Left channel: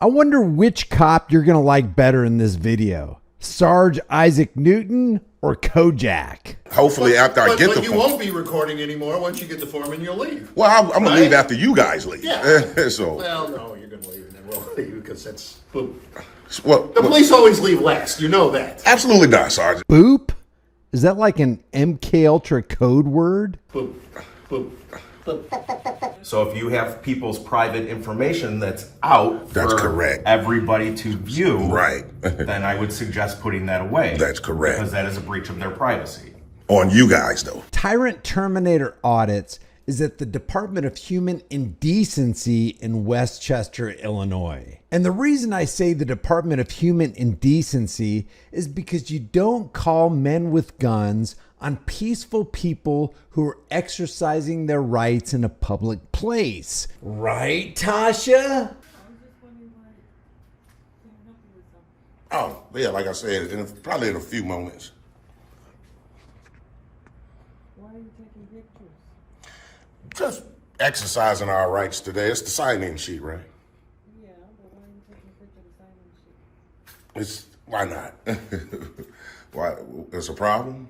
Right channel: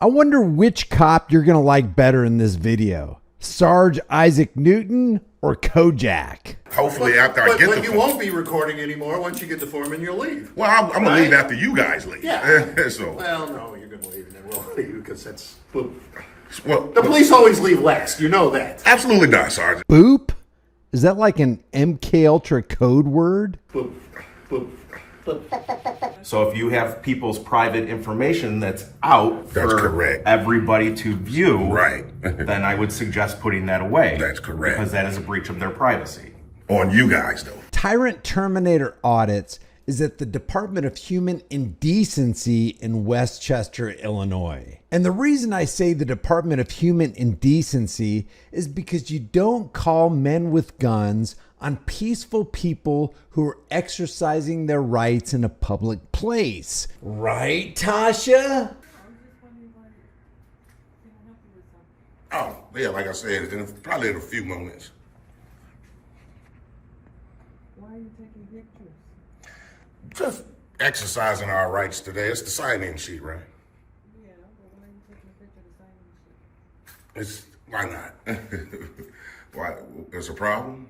I wonder which cop you're going to like better in this video. Sarge Isaac Newton or Kojak? Hopefully after I get the But you won't be recording anymore. Once you get the form and you'll leave. Well, I'm going to leave after you guys leave. Yeah. So. Well, no, you're going to leave and then we'll leave because that's boom. Well, The police always leave last. You know that. absolutely not, Sergeant. Boop? Is that like an MK Ultra code word? Boom. Boom. Boom. So if you have people's private information that's out That's for correct. everybody to view, Right. then I would suggest putting that away. That's correct. Because that is a breach of their privacy. On you guys, though. Tyrant Terminator Audits is at the Department of Human Indecency in Westchester, Illinois. And the reason I say the Department of Human Indecency is because you don't call men with guns on peaceful people who are exercising their rights in a public place. Right, Tasha? Oh, yeah, like I said, probably in a few moments. Why are you taking pictures? Just exercising our rights today. It's the sign-in sheet, right? Yeah, but why are you taking a picture of the sign-in sheet? Why not? Why? There's a problem?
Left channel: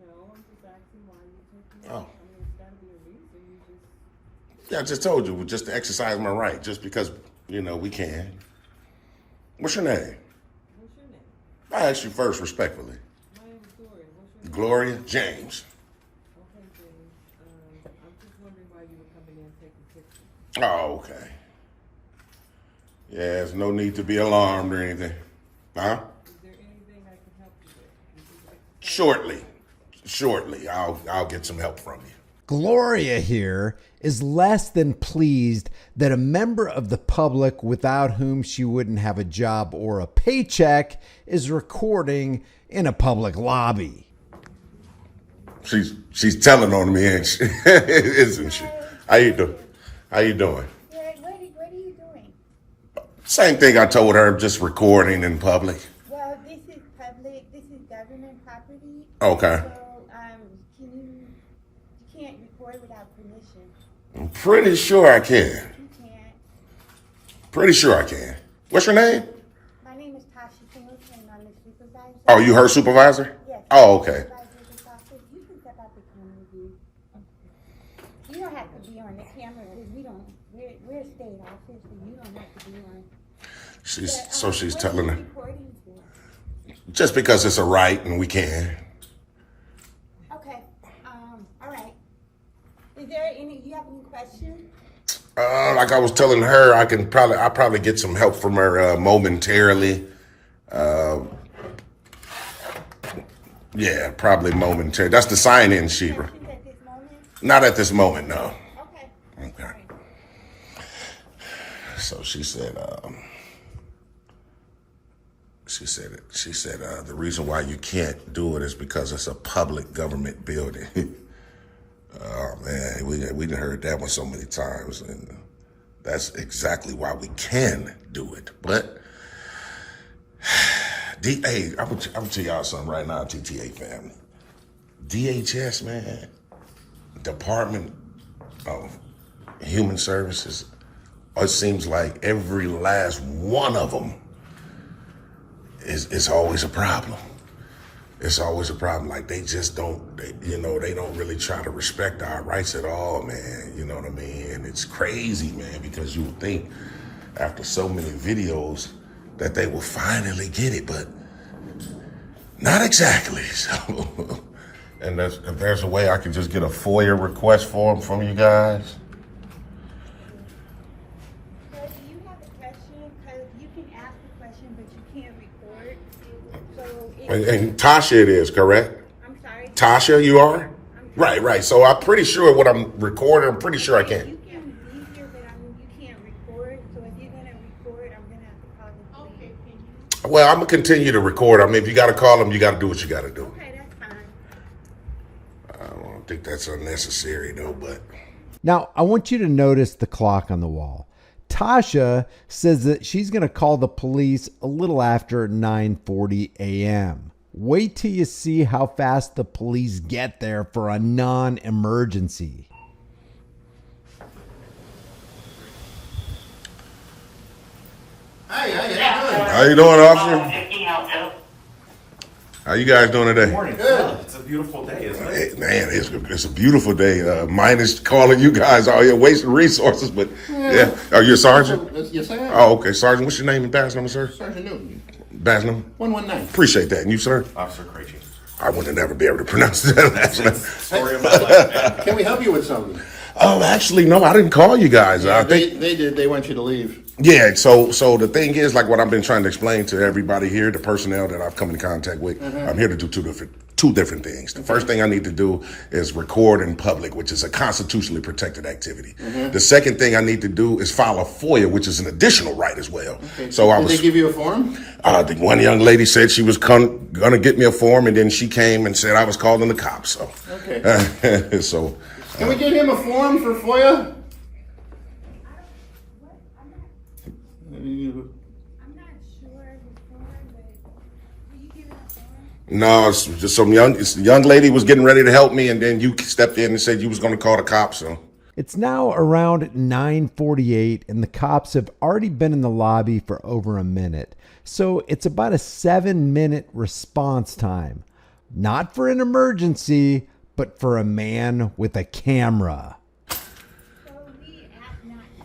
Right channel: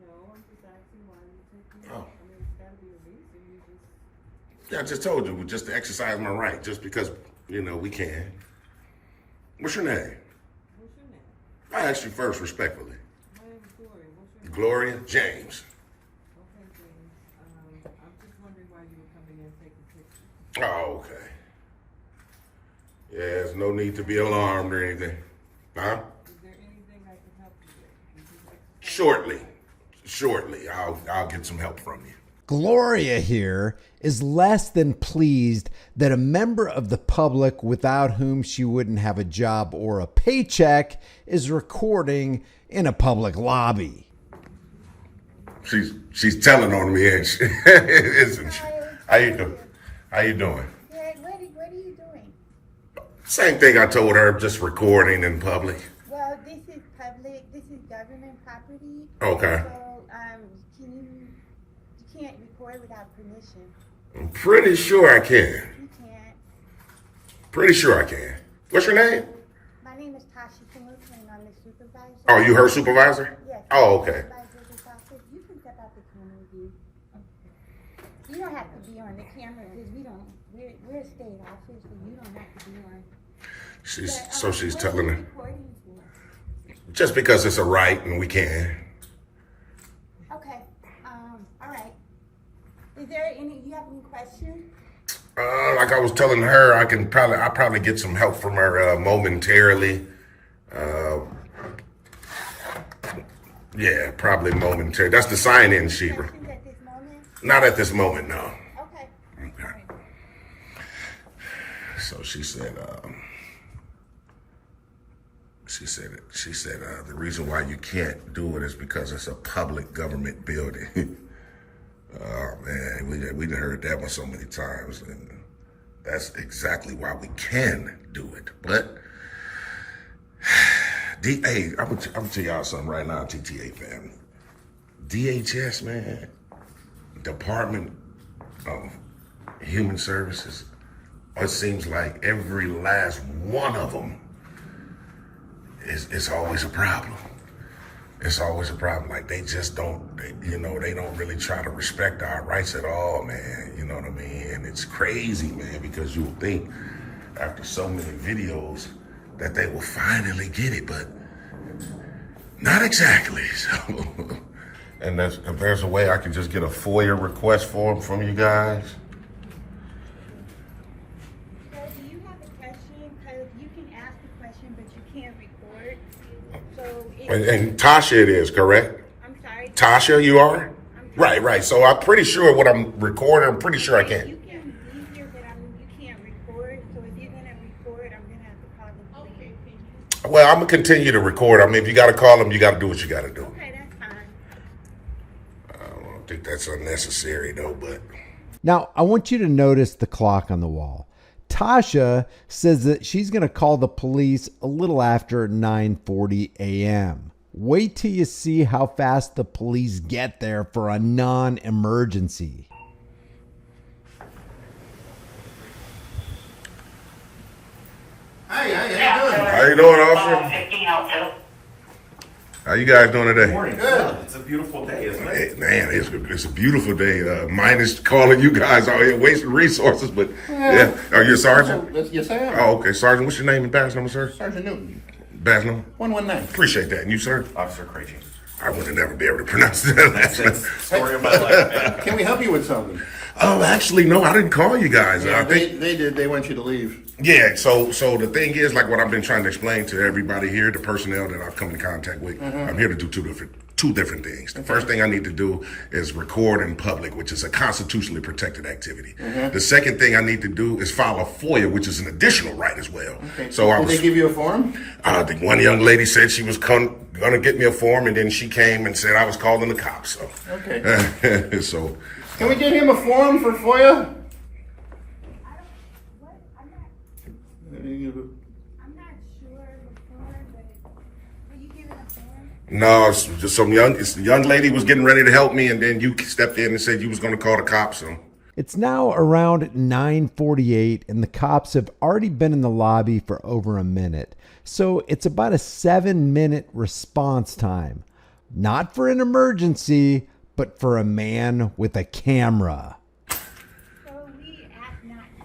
No, I'm just asking why are you taking it. Oh. I mean, it's got to be a reason. You just... Yeah, I just told you, just to exercise my right, just because, we can. What's your name? What's your name? I asked you first, respectfully. My name is Gloria. What's your name? Gloria James. Okay, James. I'm just wondering why you were coming in taking pictures. Oh, okay. Yeah, there's no need to be alarmed or anything. Huh? Is there anything I can help you with? You just Shortly. Shortly. I'll get some help from you. Gloria here is less than pleased that a member of the public without whom she wouldn't have a job or a paycheck is recording in a public lobby. She's telling on me, isn't she? How you doing? How you doing? Good. What are you doing? Same thing I told her, just recording in public. Well, this is public. This is government property. Okay. So, you can't record without permission. I'm pretty sure I can. You can't. Pretty sure I can. What's your name? My name is Tasha Singleton, and I'm the supervisor. Oh, you her supervisor? Yes. Oh, okay. Supervisor of this office. You can step out the camera view. You don't have to be on the camera because we're a state office, so you don't have to be on. But, She's what telling are her. you recording for? Just because it's a right and we can. Okay. All right. Is there you have any questions? Like I was telling her, I'll probably get some help from her momentarily. Yeah, probably momentarily. That's the sign-in sheet. Questions at this moment? Not at this moment, no. Okay. Okay. All right. So she said, the reason why you can't do it is because it's a public government building. Oh man, we done heard that one so many times, and that's exactly why we can do it. But hey, I'm gonna tell y'all something right now, TTA family. DHS, man, Department of Human Services. It seems like every last one of them is always a problem. It's always a problem. Like they just don't, they don't really try to respect our rights at all, man. You know what I mean? And it's crazy, man, because you would think after so many videos that they will finally get it, but not exactly. So, and if there's a way I can just get a FOIA request form from you guys. So do you have a question? Because you can ask the question, but you can't record. So And Tasha it is, correct? I'm sorry. Tasha, you are? I'm Right. So I'm pretty sure what I'm recording, I'm pretty sure I can. You can be here, but you can't record. So if you're gonna record, I'm gonna have to call the police. Well, I'm gonna continue to record. I mean, if you gotta call them, you gotta do what you gotta do. Okay, that's fine. I don't think that's unnecessary though, but Now, I want you to notice the clock on the wall. Tasha says that she's going to call the police a little after 9:40 a.m. Wait till you see how fast the police get there for a non-emergency. Hi, how you doing? How you doing, officer? How you guys doing today? Morning. Good. It's a beautiful day, isn't Hey, it? man, it's a beautiful day. Minus calling you guys out here wasting resources, but yeah. Are you a sergeant? Yes, I am. Oh, okay. Sergeant, what's your name and badge number, sir? Sergeant Newton. Badge number? 119. Appreciate that. And you, sir? Officer Krejci. I would never be able to pronounce that. That's it. Story of my life, man. Can we help you with something? Oh, actually, no, I didn't call you guys. I think, They did. They want you to leave. yeah, so the thing is, like what I've been trying to explain to everybody here, the personnel that I've come in contact with, I'm here to do two different things. The first thing I need to do is record in public, which is a constitutionally protected activity. The second thing I need to do is file a FOIA, which is an additional right as well. Okay. So I Did was. they give you a form? The one young lady said she was gonna get me a form, and then she came and said I was calling the cops. So, Okay. so Can we get him a form for FOIA? I'm not sure the form, but will you give it a form? no, it's just some young lady was getting ready to help me, and then you stepped in and said you was gonna call the cops. So. It's now around 9:48 and the cops have already been in the lobby for over a minute. So it's about a 7-minute response time. Not for an emergency, but for a man with a camera. So we asked not to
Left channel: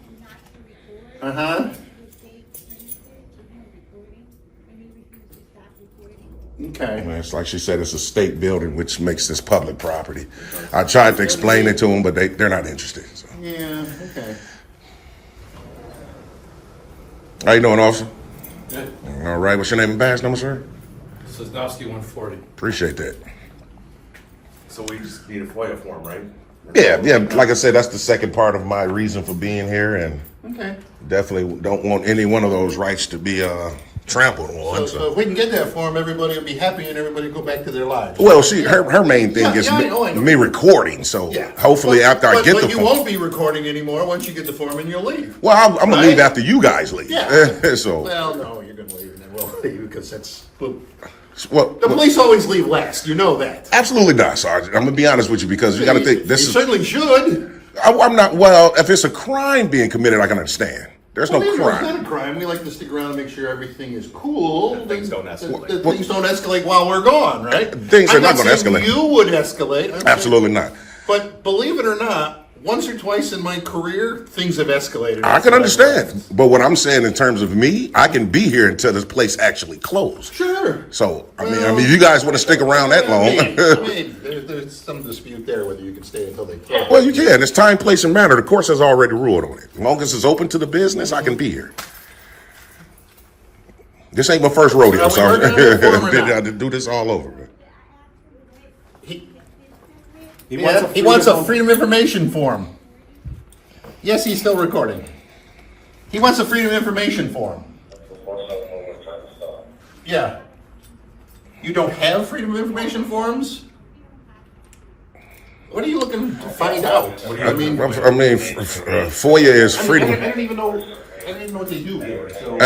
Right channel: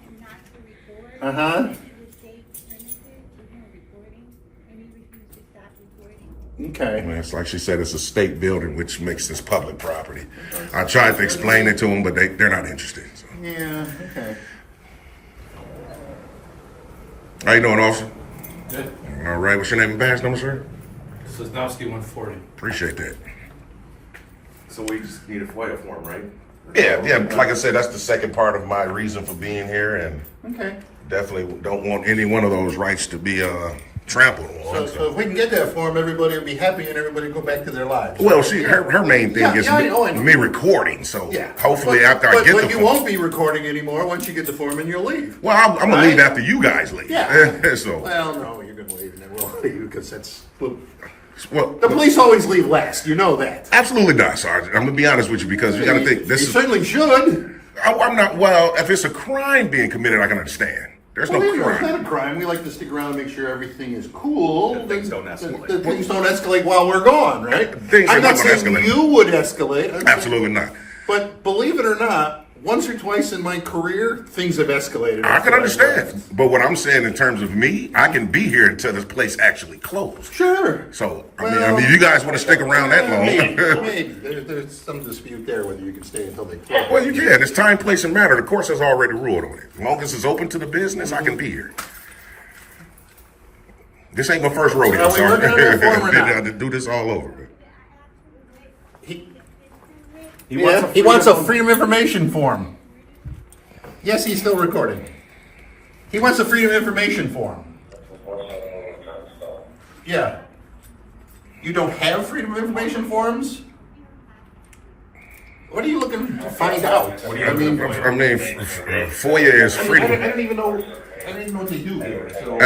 record. Uh-huh. To the state premises, there's no recording, and you refuse to stop recording. Okay. Well, it's like she said, it's a state building, which makes this public property. I tried to explain it to them, but they're not interested. So. Yeah, okay. How you doing, officer? Good. All right, what's your name and badge number, sir? Sosnowski 140. Appreciate that. So we just need a FOIA form, right? Yeah, like I said, that's the second part of my reason for being here, and Okay. definitely don't want any one of those rights to be trampled on. So if we can get that form, everybody will be happy and everybody will go back to their lives. Well, her main thing Yeah, is yeah, I know. me recording, so Yeah. hopefully But- after I get but the you form. won't be recording anymore once you get the form and you'll leave. Well, I'm gonna Right? leave after you guys leave. Yeah. So, Well, no, you're gonna leave and then we'll leave because that's. well, The police always leave last. You know that. absolutely not, Sergeant. I'm gonna be honest with you because you got to think this you is. certainly should. I'm not. Well, if it's a crime being committed, I can understand. There's no Believe it or not, it's crime. not a crime. We like to stick around and make sure everything is cool. Things don't escalate. Things don't escalate while we're gone, right? Things are I'm not not gonna saying escalate. you would escalate. I'm saying- Absolutely not. But believe it or not, once or twice in my career, things have escalated. I can So understand, but what I'm saying in terms of me, I can be here until this place actually closed. Sure. So I mean, if you guys want to stick around that long, Maybe. There's some dispute there whether you can stay until they close. well, you can. It's time, place, and manner. The course has already ruled on it. As long as it's open to the business, I can be here. This ain't my first rodeo, Are we Sergeant. working on that form or not? I did do this all over. Man. He wants a freedom of information form. Yes, he's still recording. He wants a freedom of information form. Yeah. You don't have freedom of information forms? What are you looking to find out? I mean, FOIA is I freedom. don't even know. I don't even know what they do here. So.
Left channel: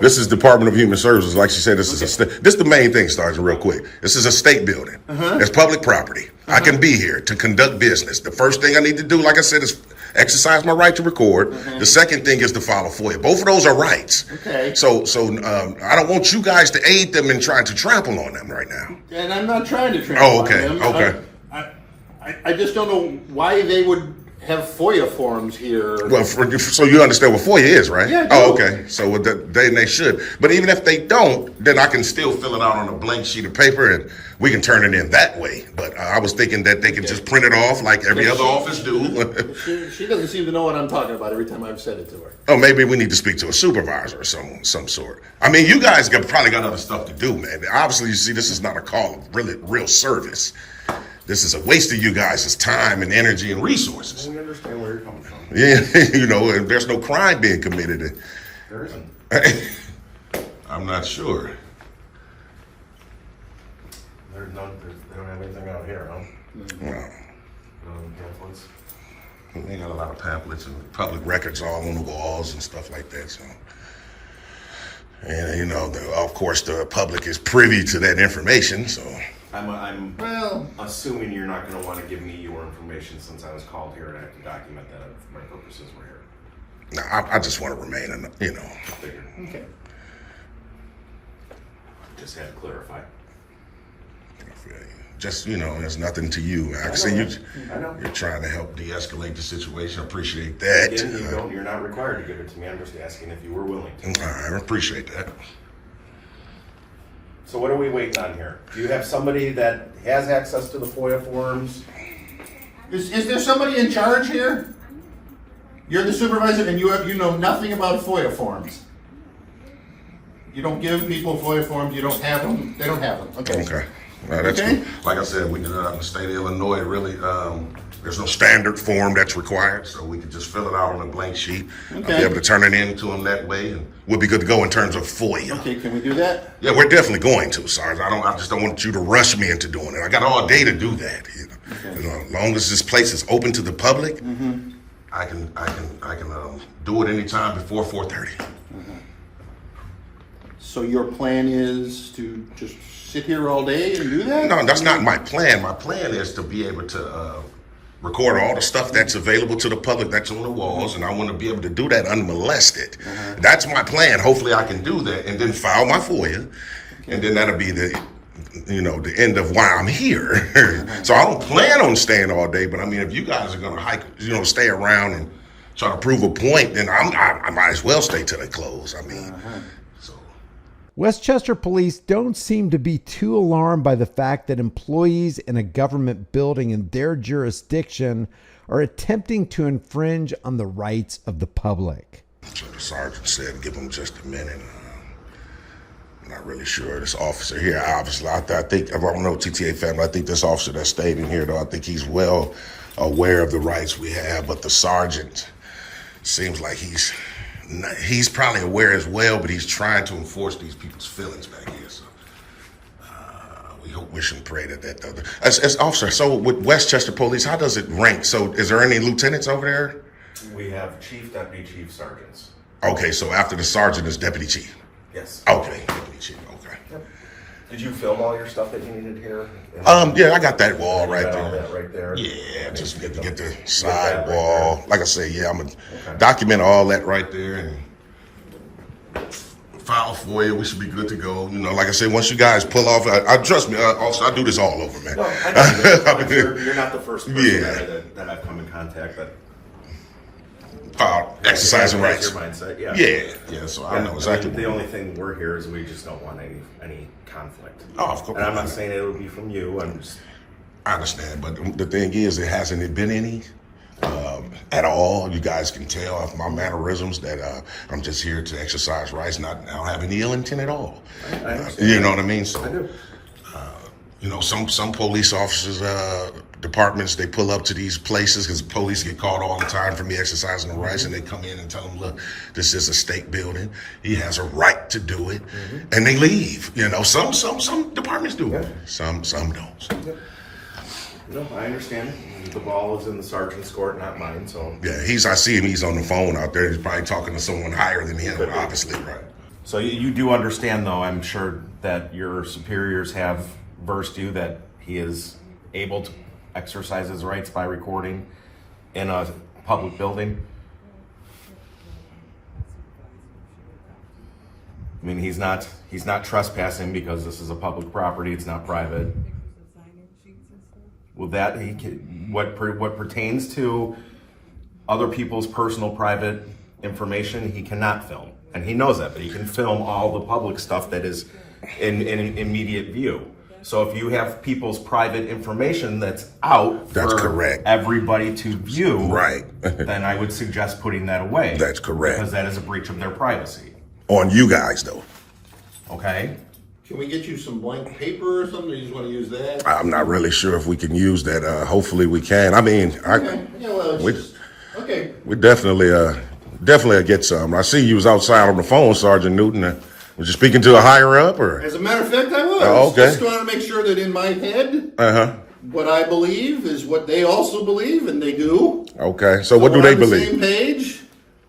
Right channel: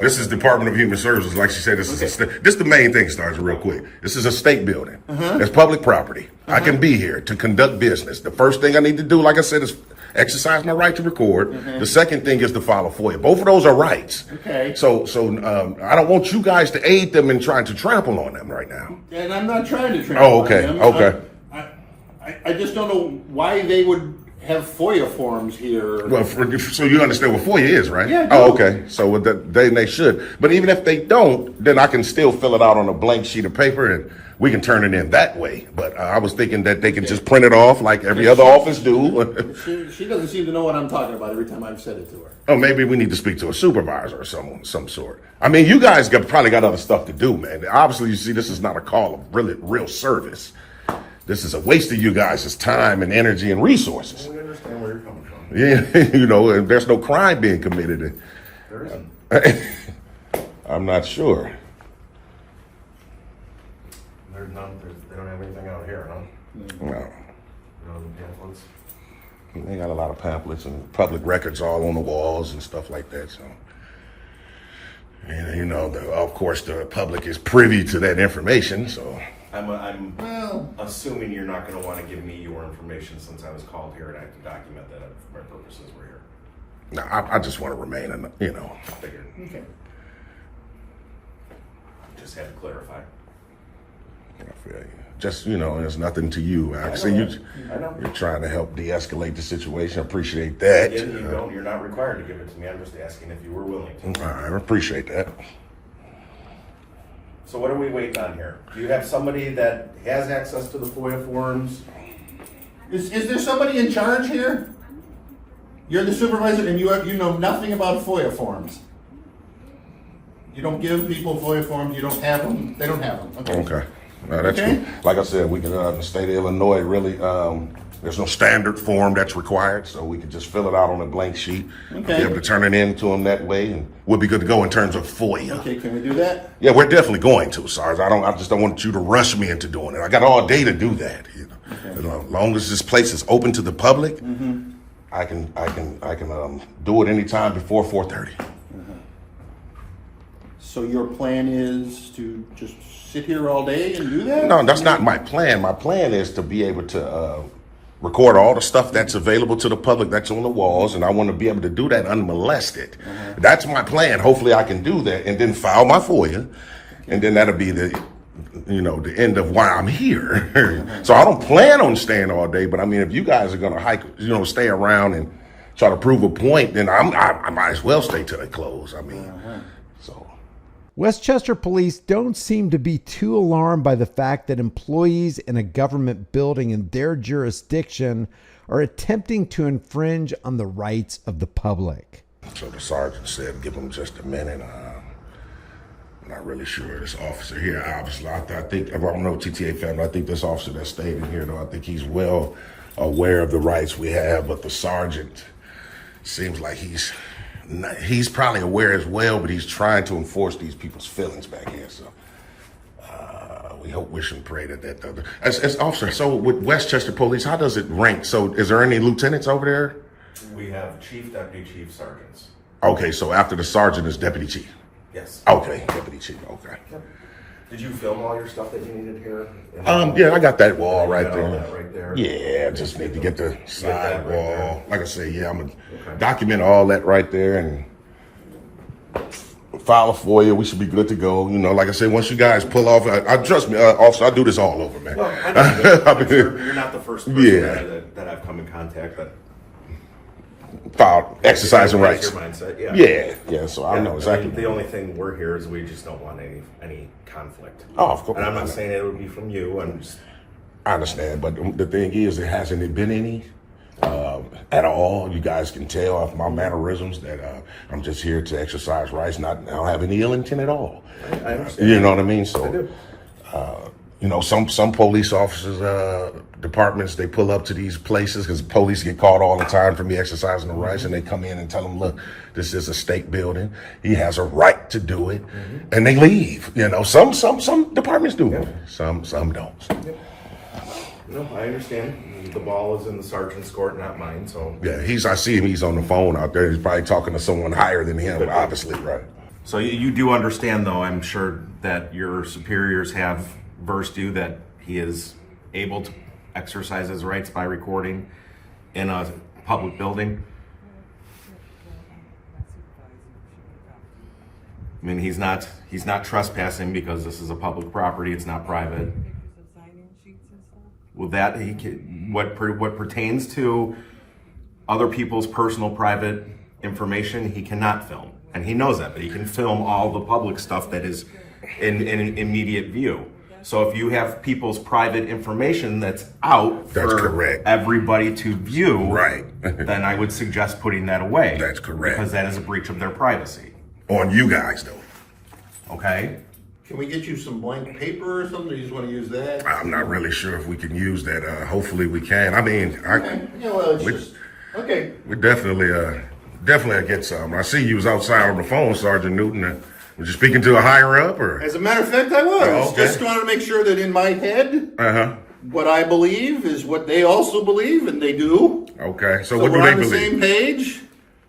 This is Department of Human Services. Like she said, this is this is the main thing, Sergeant, real quick. This is a state building. It's public property. I can be here to conduct business. The first thing I need to do, like I said, is exercise my right to record. The second thing is to file a FOIA. Both of those are rights. Okay. So I don't want you guys to aid them in trying to trample on them right now. And I'm not trying to trample Oh, okay, on them. okay. I just don't know why they would have FOIA forms here. Well, so you understand what FOIA is, right? Yeah, I Oh, do. okay. So they should. But even if they don't, then I can still fill it out on a blank sheet of paper and we can turn it in that way. But I was thinking that they can just print it off like every other office do. She doesn't seem to know what I'm talking about every time I've said it to her. Oh, maybe we need to speak to a supervisor or some sort. I mean, you guys probably got other stuff to do, man. Obviously, you see, this is not a call of real service. This is a waste of you guys' time and energy and resources. We understand where you're coming from. Yeah, and there's no crime being committed. There isn't. I'm not sure. There's none. They don't have anything out here, huh? No. None of the pamphlets. They got a lot of pamphlets and public records all on the walls and stuff like that. So, and of course, the public is privy to that information. So, I'm Well, assuming you're not going to want to give me your information since I was called here and I have to document that for my purposes were here. No, I just want to remain, you know. Okay. Just had to clarify. I feel you. Just, you know, there's nothing to you. I see you're trying to help de-escalate the situation. I appreciate that. Yeah, you're not required to give it to me. I'm just asking if you were willing to. I appreciate that. So what are we waiting on here? Do you have somebody that has access to the FOIA forms? Is there somebody in charge here? You're the supervisor and you know nothing about FOIA forms. You don't give people FOIA forms, you don't have them, they don't have them. Okay. That's Okay. cool. Like I said, we can, the state of Illinois, really, there's no standard form that's required, so we can just fill it out on a blank sheet. I'll be able to turn it in to them that way, and we'll be good to go in terms of FOIA. Okay, can we do that? Yeah, we're definitely going to, Sarge. I just don't want you to rush me into doing it. I got all day to do that. You know, as long as this place is open to the public, I can do it anytime before 4:30. So your plan is to just sit here all day and do that? No, that's not my plan. My plan is to be able to record all the stuff that's available to the public that's on the walls, and I want to be able to do that unmolested. That's my plan. Hopefully I can do that and then file my FOIA, and then that'll be the end of why I'm here. So I don't plan on staying all day, but I mean, if you guys are going to stay around and try to prove a point, then I might as well stay till they close. I mean, Westchester police don't seem to be too alarmed by the fact that employees in a government building in their jurisdiction are attempting to infringe on the rights of the public. So the sergeant said, give him just a minute. I'm not really sure. This officer here, obviously, I think, I don't know TTA family, I think this officer that stayed in here, though, I think he's well aware of the rights we have, but the sergeant seems like he's probably aware as well, but he's trying to enforce these people's feelings back here. So we hope, wish, and pray that as officer. So with Westchester Police, how does it rank? So is there any lieutenants over there? We have chief, deputy chief, sergeants. Okay, so after the sergeant is deputy chief. Yes. Okay, deputy chief. Okay. Yep. Did you film all your stuff that you needed here? Yeah, I got that wall right All there. that right there. Yeah, just need to get the that side right wall. there. Like I say, yeah, I'm gonna document all that right there and file a FOIA. We should be good to go. You know, like I said, once you guys pull off, I trust me, officer, I do this all over, man. No, I know you're not the first person Yeah. that I've come in contact that File exercising that's rights. your mindset. Yeah. Yeah. So I know exactly. The only thing we're here is we just don't want any conflict. Oh, of course. And I'm not saying it would be from you. I understand, but the thing is, there hasn't been any at all. You guys can tell off my mannerisms that I'm just here to exercise rights. I don't have any ill intent at all. I understand. You know what I mean? So, I do. Some police officers, departments, they pull up to these places because police get caught all the time for me exercising the rights, and they come in and tell them, look, this is a state building. He has a right to do it, and they leave. Some departments do. Yeah. Some don't. No, I understand. The ball is in the sergeant's court, not mine. So Yeah, I see him. He's on the phone out there. He's probably talking to someone higher than him, obviously, right? So you do understand, though, I'm sure that your superiors have versed you that he is able to exercise his rights by recording in a public building. I mean, he's not trespassing because this is a public property. It's not private. With that, what pertains to other people's personal private information, he cannot film, and he knows that. But he can film all the public stuff that is in immediate view. So if you have people's private information that's out for correct. everybody to view, Right. then I would suggest putting that away. That's correct. Because that is a breach of their privacy. On you guys, though. Okay? Can we get you some blank paper or something? You just want to use that? I'm not really sure if we can use that. Hopefully we can. I mean, Okay. we definitely get some. I see you was outside on the phone, Sergeant Newton. Was you speaking to a higher up, or? As a matter of fact, I was. Oh, okay. Just wanted to make sure that in my head, what I believe is what they also believe, and they do. Okay, so what do they we're on the believe? same page.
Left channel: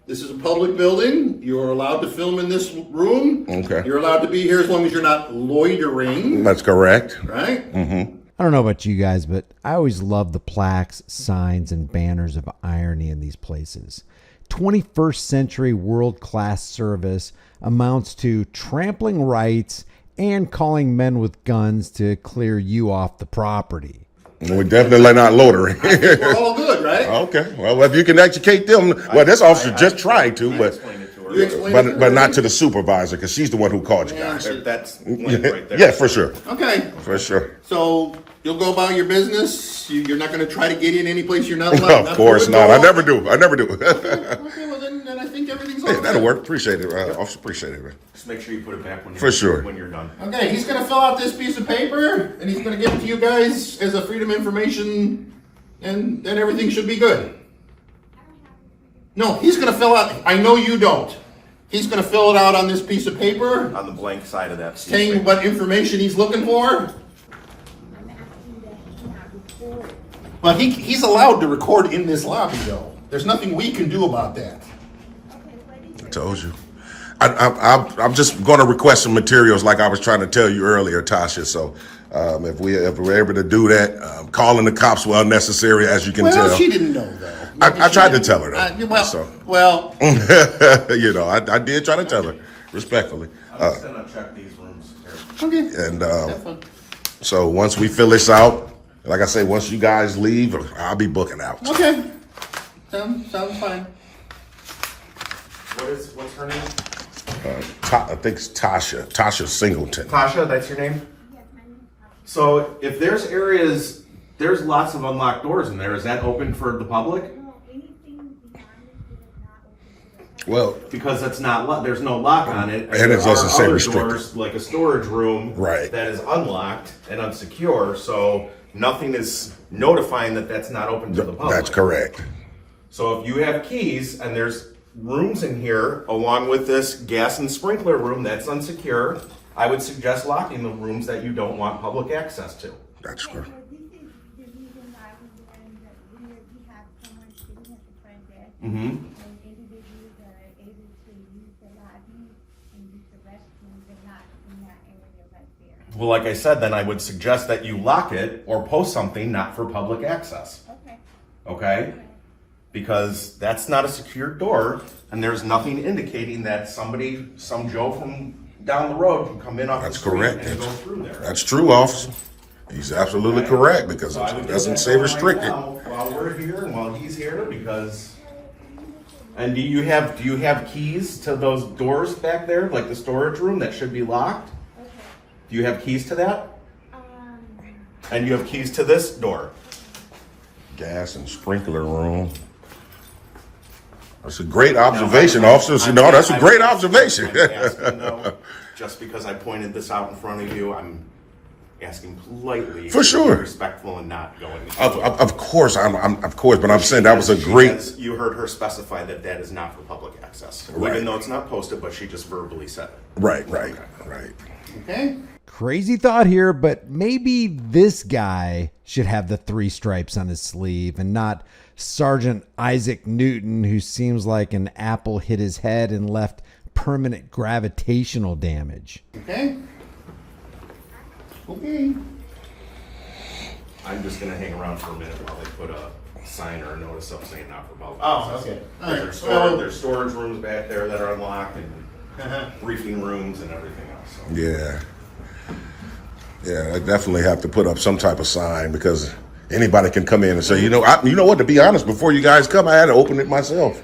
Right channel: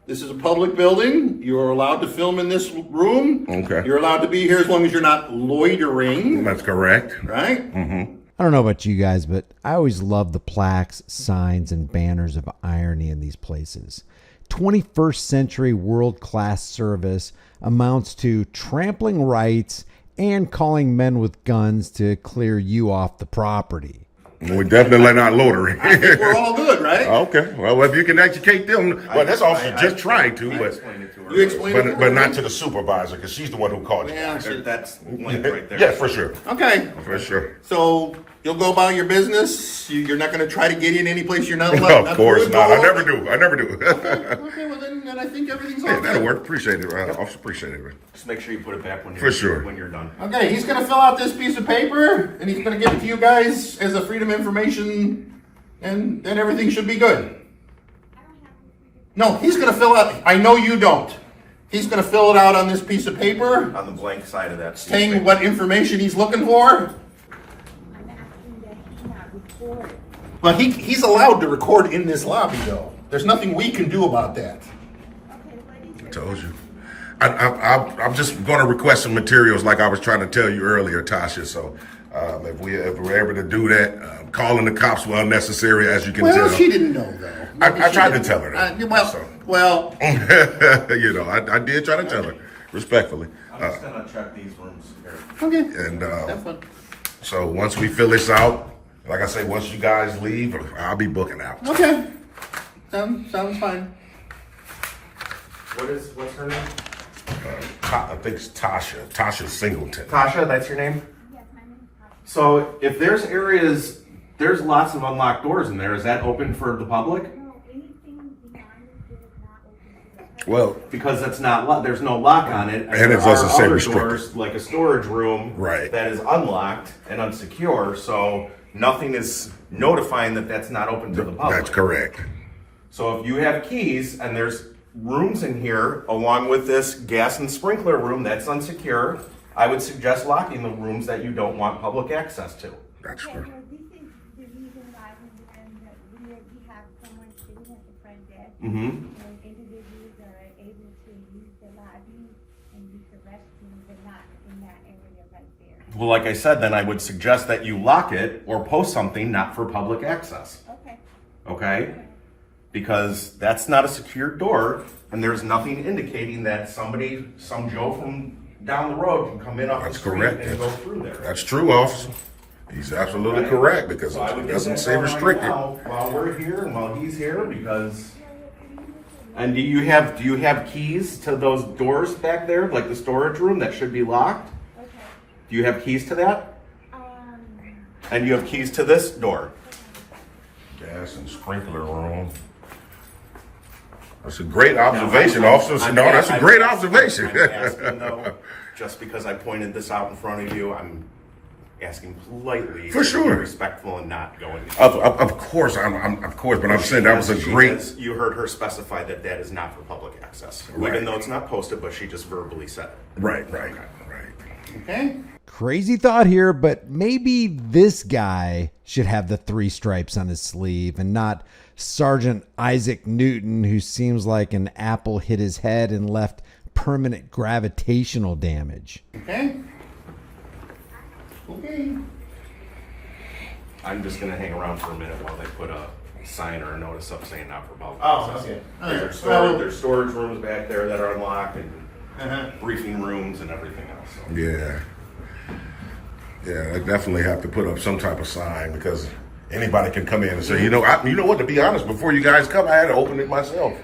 This is a public building. You're allowed to film in this room. Okay. You're allowed to be here as long as you're not loitering. That's correct. Right? I don't know about you guys, but I always love the plaques, signs, and banners of irony in these places. 21st century world-class service amounts to trampling rights and calling men with guns to clear you off the property. We're definitely not loitering. We're all good, right? Okay. Well, if you can educate them, well, this officer just tried to, but You explain it to her, not right? to the supervisor, because she's the one who called you. Yeah, That's right there. Yes, for sure. okay. For sure. So you'll go about your business. You're not going to try to get in any place you're not allowed. Of course to not. go. I never do. Okay, well then I think everything's all Hey, good. that'll work. Appreciate it, officer. Appreciate it. Just make sure you put it back when you're For sure. when you're done. Okay, he's going to fill out this piece of paper, and he's going to give it to you guys as a freedom information, and then everything should be good. No, he's going to fill out. I know you don't. He's going to fill it out on this piece of paper, On the blank side of that. saying what information he's looking for. I'm asking that he not record. But he's allowed to record in this lobby, though. There's nothing we can do about that. Okay, what is I your told you. I'm just going to request some materials like I was trying to tell you earlier, Tasha. So if we're able to do that, calling the cops were unnecessary, as you can Well, tell. she didn't know, though. Maybe I she tried to didn't. tell her that. Well, You know, I did try to tell her respectfully. I'm just gonna check these rooms. okay. And Have fun. so once we fill this out, like I say, once you guys leave, I'll be booking out. Okay. Sounds fine. What's her name? I think it's Tasha Singleton. Tasha, that's your name? yes, my name is Papa. So if there's areas, there's lots of unlocked doors in there. Is that open for the public? No, anything beyond this is not open to the public. Well, Because it's not there's no lock on it. And it there doesn't are say other restricted. doors, like a storage room, Right. that is unlocked and unsecure. So nothing is notifying that that's not open to the public. that's correct. So if you have keys and there's rooms in here along with this gas and sprinkler room that's unsecure, I would suggest locking the rooms that you don't want public access to. That's Okay, correct. well, this is the reason why we have someone sitting at the front desk. Mm-hmm. And individuals are able to use the lobby and use the restrooms and not in that area right there. Well, like I said, then I would suggest that you lock it or post something not for public access. Okay. Okay? Because that's not a secured door, and there's nothing indicating that some Joe from down the road can come in off the That's street correct. and go through there. That's true, officer. He's absolutely correct, because So I would it get doesn't that say going right restricted. now while we're here and while he's here, because. And do you have keys to those doors back there, like the storage room that should be locked? Okay. Do you have keys to that? Um, And you have keys to this door? Gas and sprinkler room. That's a great observation, officer. No, that's a great observation. I'm asking, though, just because I pointed this out in front of you, I'm asking politely. For sure. Be respectful and not going. Of course, but I'm saying that was a great. You heard her specify that that is not for public access, Right. even though it's not posted, but she just verbally said it. Right. Okay. Crazy thought here, but maybe this guy should have the 3 stripes on his sleeve and not Sergeant Isaac Newton, who seems like an apple hit his head and left permanent gravitational damage. Okay. Okay. I'm just gonna hang around for a minute while they put a sign or a notice up saying not for public Oh, access. okay. There's storage rooms back there that are unlocked and Uh-huh. briefing rooms and everything else. So. Yeah, I definitely have to put up some type of sign, because anybody can come in and say, you know what? To be honest, before you guys come, I had to open it myself.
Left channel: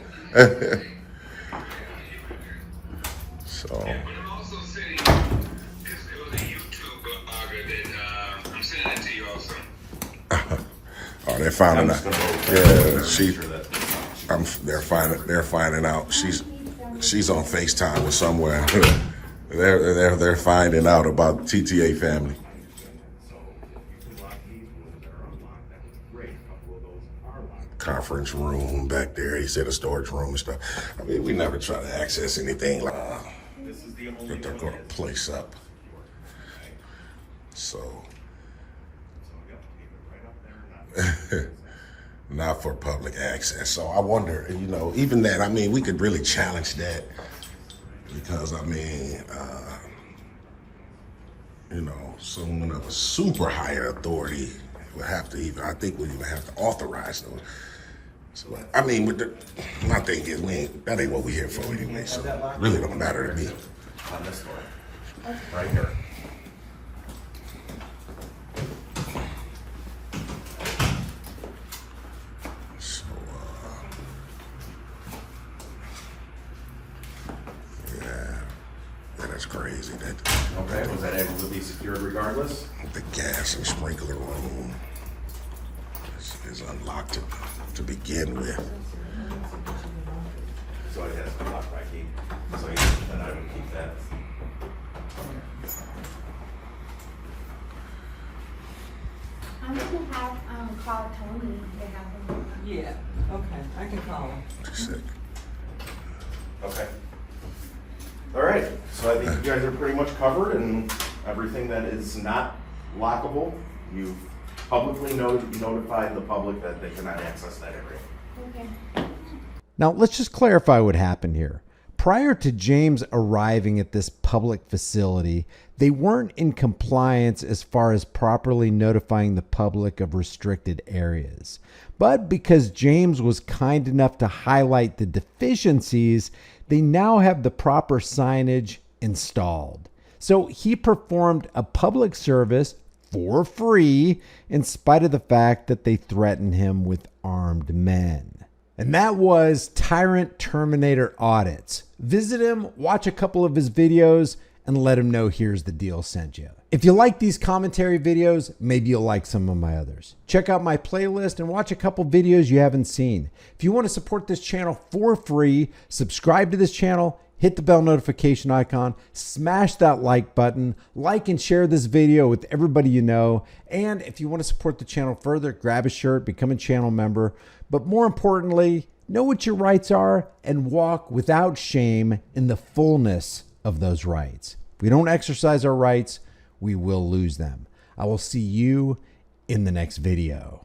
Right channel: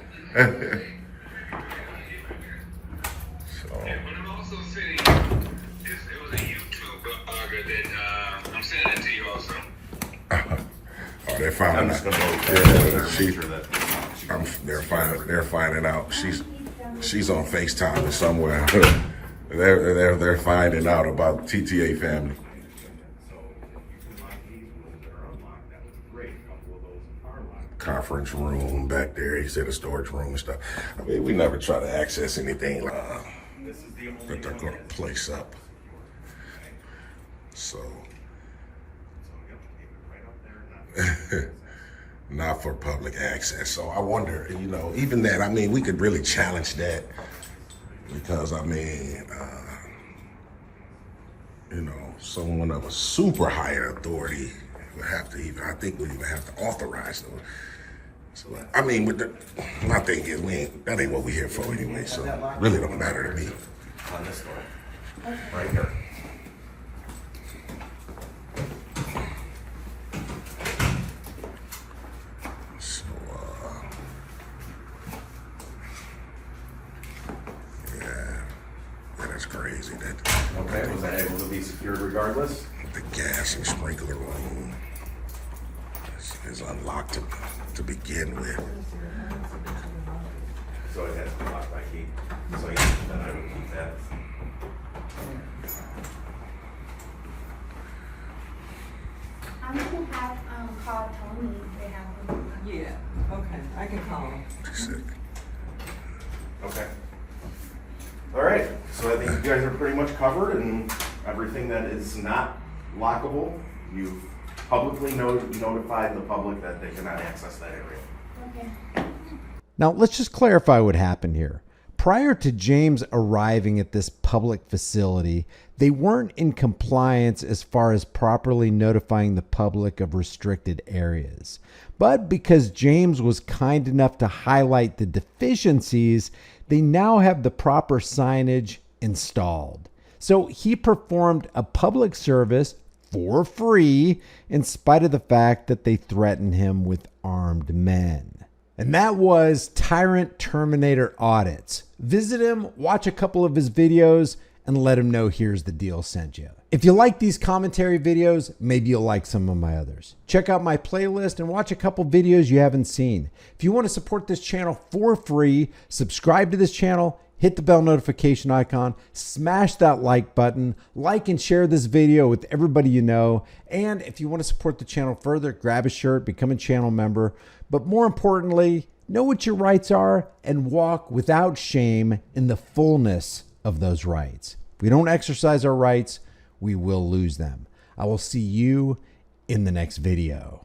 So. But I'm also sending this goes to YouTube that I'm sending it to you also. Oh, they're finding I'm out. just gonna go there Yeah, and she, make sure that they're finding out. She's on FaceTime with somewhere. They're finding out about TTA family. Conference room back there. He said a storage room and stuff. I mean, we never try to access anything like that they're going to place up. So, not for public access. So I wonder, even that, I mean, we could really challenge that, because, I mean, someone of a super higher authority would have to I think would even have to authorize them. So, I mean, my thing is, that ain't what we're here for anyway, so it really don't matter to me. On this door. Right here. So, yeah, that's crazy. Okay, was that able to be secured regardless? The gas and sprinkler room is unlocked to begin with. So it has been locked by key. So yeah, then I would keep that. I'm gonna have, call Tony to help him. Yeah, okay, I can call him. Sick. Okay. All right, so I think you guys are pretty much covered, and everything that is not lockable, you've publicly notified the public that they cannot access that area. Okay. Now, let's just clarify what happened here. Prior to James arriving at this public facility, they weren't in compliance as far as properly notifying the public of restricted areas. But because James was kind enough to highlight the deficiencies, they now have the proper signage installed. So he performed a public service for free in spite of the fact that they threatened him with armed men. And that was Tyrant Terminator Audits. Visit him, watch a couple of his videos, and let him know Here's the Deal sent you. If you like these commentary videos, maybe you'll like some of my others. Check out my playlist and watch a couple videos you haven't seen. If you want to support this channel for free, subscribe to this channel, hit the bell notification icon, smash that like button, like and share this video with everybody you know. And if you want to support the channel further, grab a shirt, become a channel member. But more importantly, know what your rights are and walk without shame in the fullness of those rights. If we don't exercise our rights, we will lose them. I will see you in the next video.